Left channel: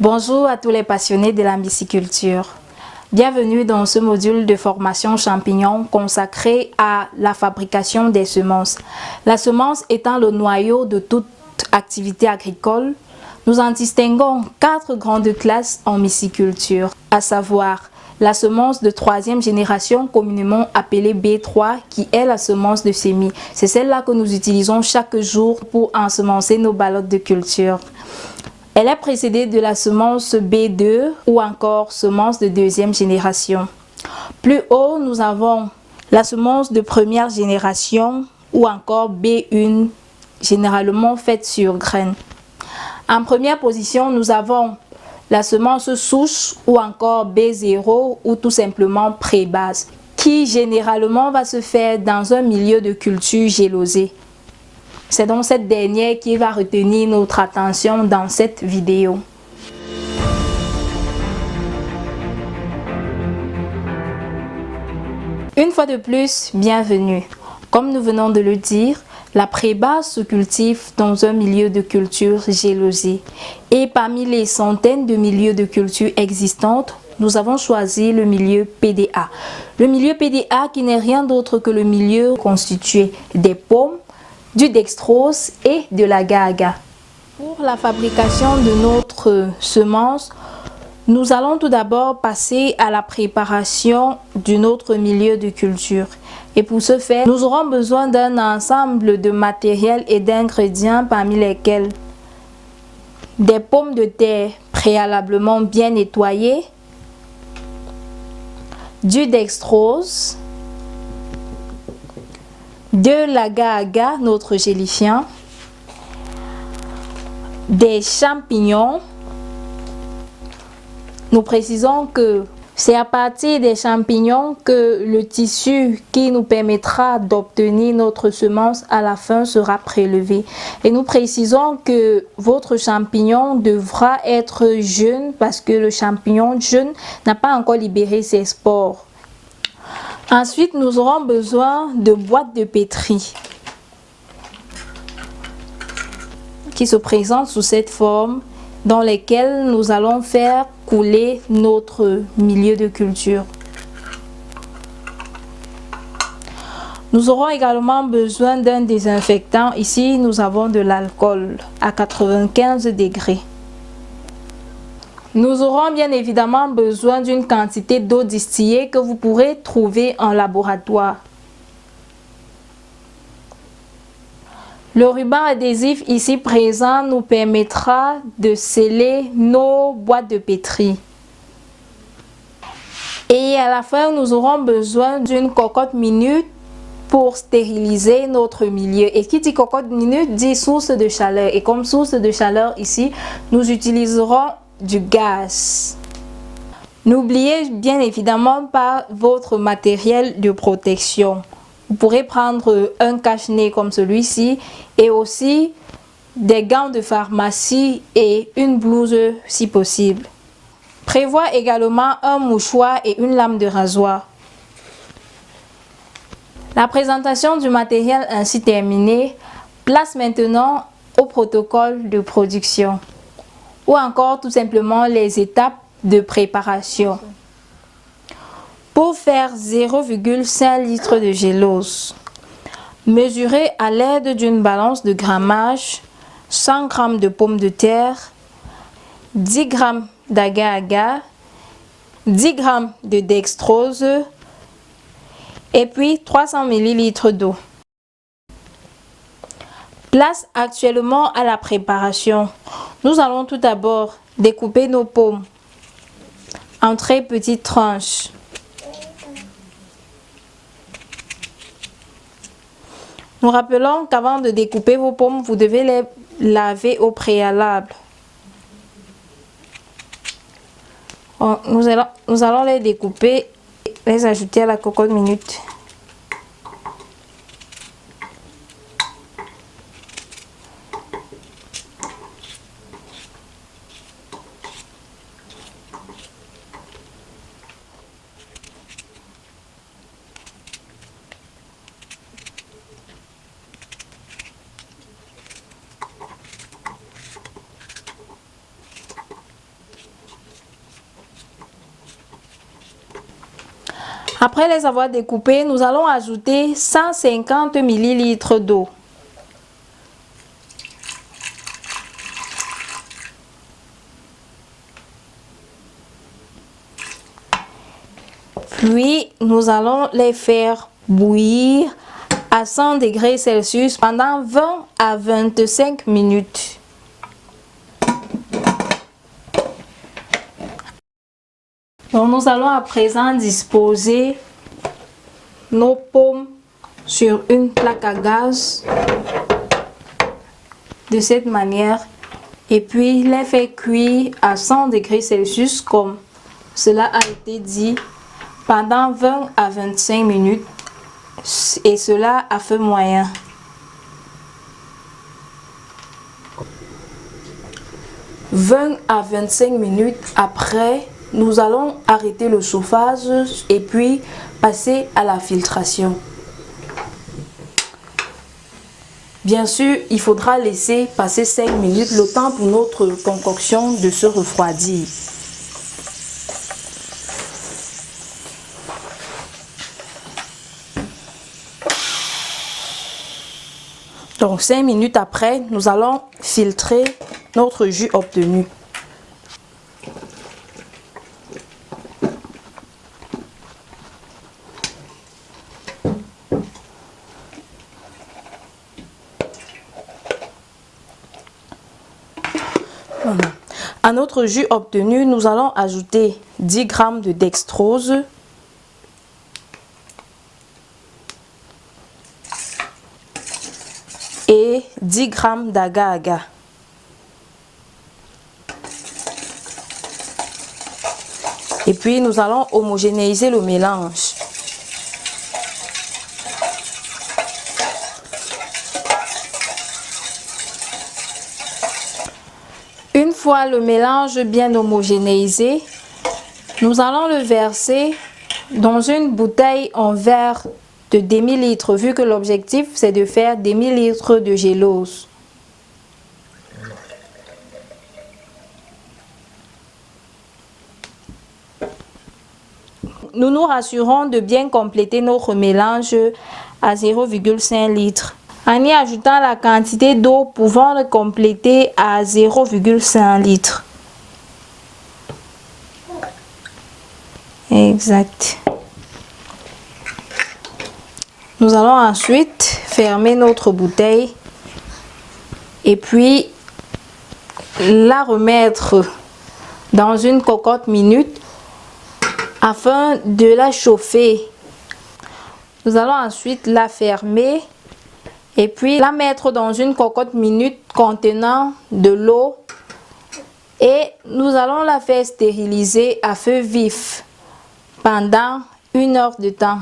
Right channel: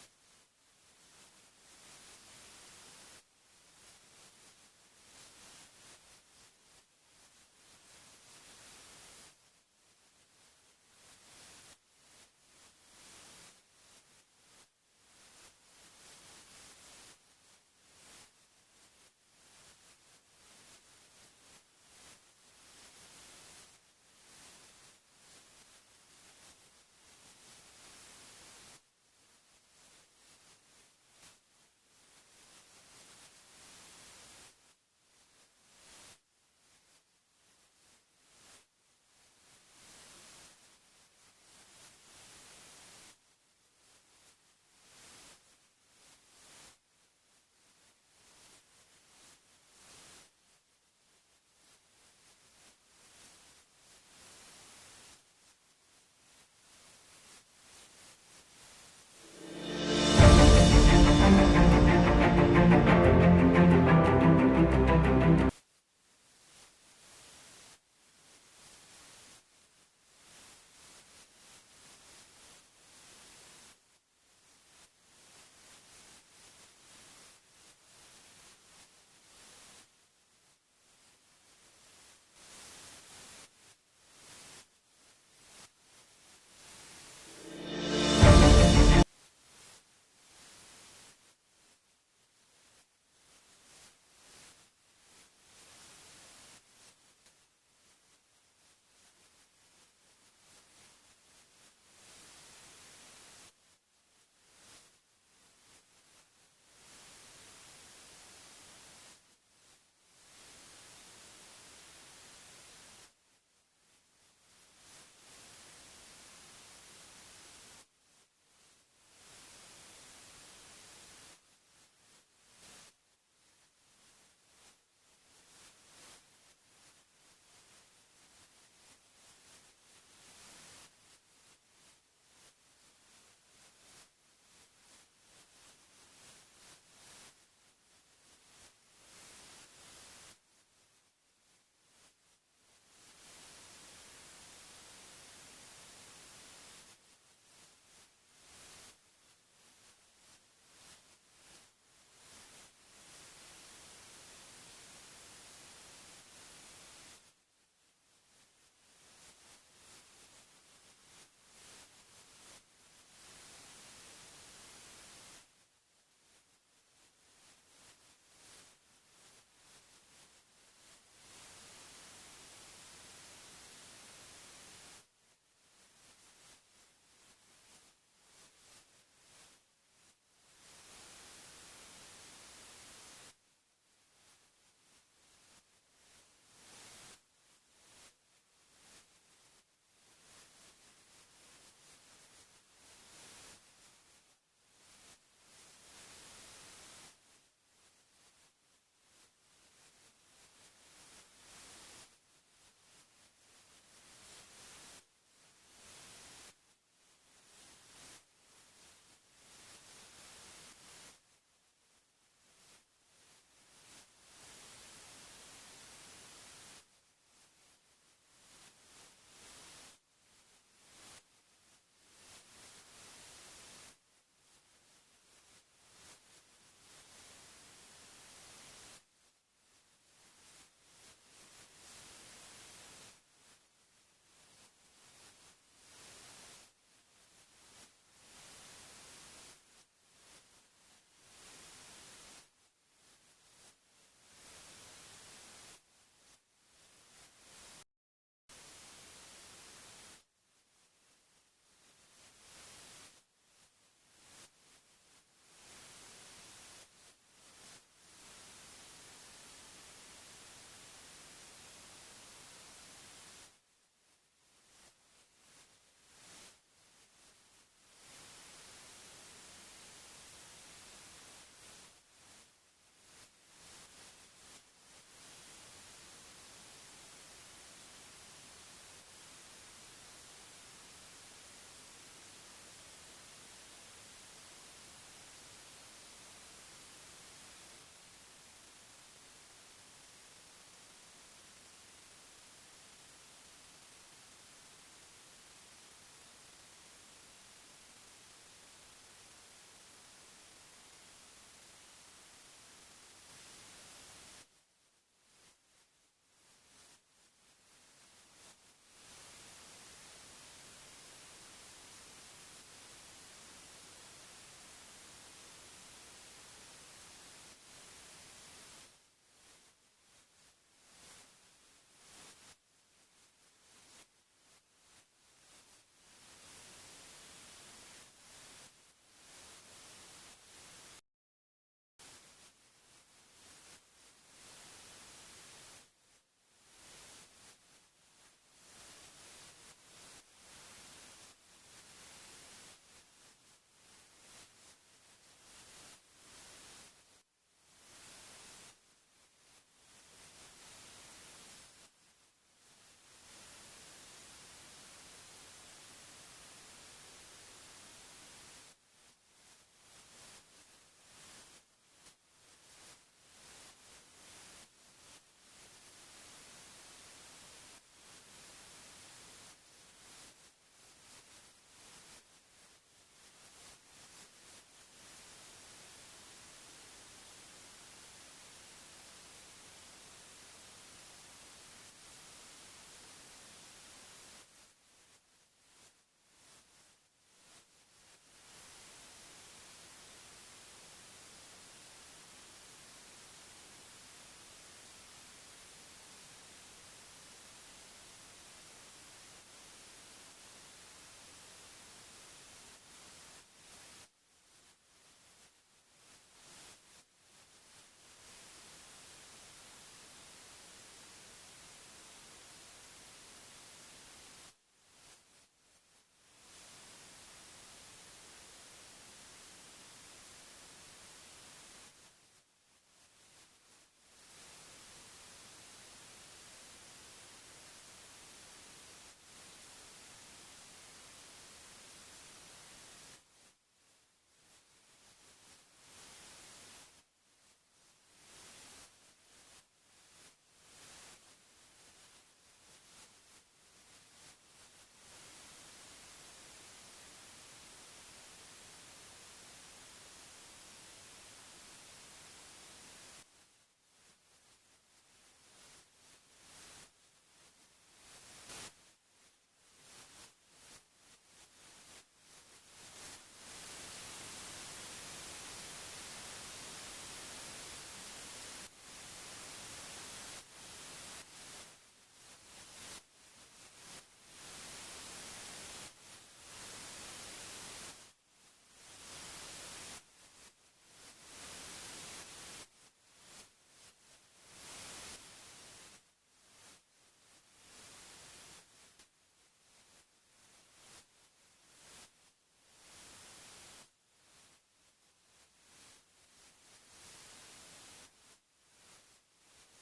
Bonjour à tous les passionnés de la myciculture. Bienvenue dans ce module de formation champignons consacré à la fabrication des semences. La semence étant le noyau de toute activité agricole, nous en distinguons 4 grandes classes en myciculture, à savoir la semence de 3e génération communément appelée B3 qui est la semence de semis. C'est celle-là que nous utilisons chaque jour pour ensemencer nos ballottes de culture. Elle est précédée de la semence B2 ou encore semence de 2e génération. Plus haut, nous avons la semence de 1re génération ou encore B1, généralement faite sur graines. En première position, nous avons la semence souche ou encore B0 ou tout simplement pré-base, qui généralement va se faire dans un milieu de culture gélosé. C'est donc cette dernière qui va retenir notre attention dans cette vidéo. Une fois de plus, bienvenue. Comme nous venons de le dire, la pré-base se cultive dans un milieu de culture gélosé. Et parmi les centaines de milieux de culture existantes, nous avons choisi le milieu PDA. Le milieu PDA qui n'est rien d'autre que le milieu constitué des pommes, du dextrose et de l'agar-agar. Pour la fabrication de notre semence, nous allons tout d'abord passer à la préparation d'un autre milieu de culture. Et pour ce faire, nous aurons besoin d'un ensemble de matériel et d'ingrédients parmi lesquels des pommes de terre préalablement bien nettoyées, du dextrose, de l'agar-agar, notre gélifiant, des champignons. Nous précisons que c'est à partir des champignons que le tissu qui nous permettra d'obtenir notre semence à la fin sera prélevé. Et nous précisons que votre champignon devra être jeune parce que le champignon jeune n'a pas encore libéré ses spores. Ensuite, nous aurons besoin de boîtes de pétri qui se présentent sous cette forme dans lesquelles nous allons faire couler notre milieu de culture. Nous aurons également besoin d'un désinfectant. Ici, nous avons de l'alcool à 95 degrés. Nous aurons bien évidemment besoin d'une quantité d'eau distillée que vous pourrez trouver en laboratoire. Le ruban adhésif ici présent nous permettra de sceller nos boîtes de pétri. Et à la fin, nous aurons besoin d'une cocotte minute pour stériliser notre milieu. Et qui dit cocotte minute dit source de chaleur. Et comme source de chaleur ici, nous utiliserons du gaz. N'oubliez bien évidemment pas votre matériel de protection. Vous pourrez prendre un cache-nez comme celui-ci et aussi des gants de pharmacie et une blouse si possible. Prévois également un mouchoir et une lame de rasoir. La présentation du matériel ainsi terminée, place maintenant au protocole de production ou encore tout simplement les étapes de préparation. Pour faire 0,5 litre de gélose, mesurez à l'aide d'une balance de grammage 100 g de pommes de terre, 10 g d'agar-agar, 10 g de dextrose et puis 300 ml d'eau. Place actuellement à la préparation. Nous allons tout d'abord découper nos pommes en très petites tranches. Nous rappelons qu'avant de découper vos pommes, vous devez les laver au préalable. Nous allons les découper et les ajouter à la cocotte minute. Après les avoir découpés, nous allons ajouter 150 ml d'eau. Puis, nous allons les faire bouillir à 100 degrés Celsius pendant 20 à 25 minutes. Donc, nous allons à présent disposer nos pommes sur une plaque à gaz de cette manière et puis les faire cuire à 100 degrés Celsius comme cela a été dit pendant 20 à 25 minutes et cela à feu moyen. « 20 à 25 minutes après, nous allons arrêter le chauffage et puis passer à la filtration. Bien sûr, il faudra laisser passer 5 minutes le temps pour notre concoction de se refroidir. Donc 5 minutes après, nous allons filtrer notre jus obtenu. Voilà. À notre jus obtenu, nous allons ajouter 10 g de dextrose, et 10 g d'agar-agar. Et puis nous allons homogénéiser le mélange. Une fois le mélange bien homogénéisé, nous allons le verser dans une bouteille en verre de demi-litre, vu que l'objectif c'est de faire demi-litre de gélose. Nous nous rassurons de bien compléter notre mélange à 0,5 litre. En y ajoutant la quantité d'eau pouvant le compléter à 0,5 litre. Exact. Nous allons ensuite fermer notre bouteille et puis la remettre dans une cocotte minute afin de la chauffer. Nous allons ensuite la fermer et puis la mettre dans une cocotte minute contenant de l'eau et nous allons la faire stériliser à feu vif pendant 1 heure de temps.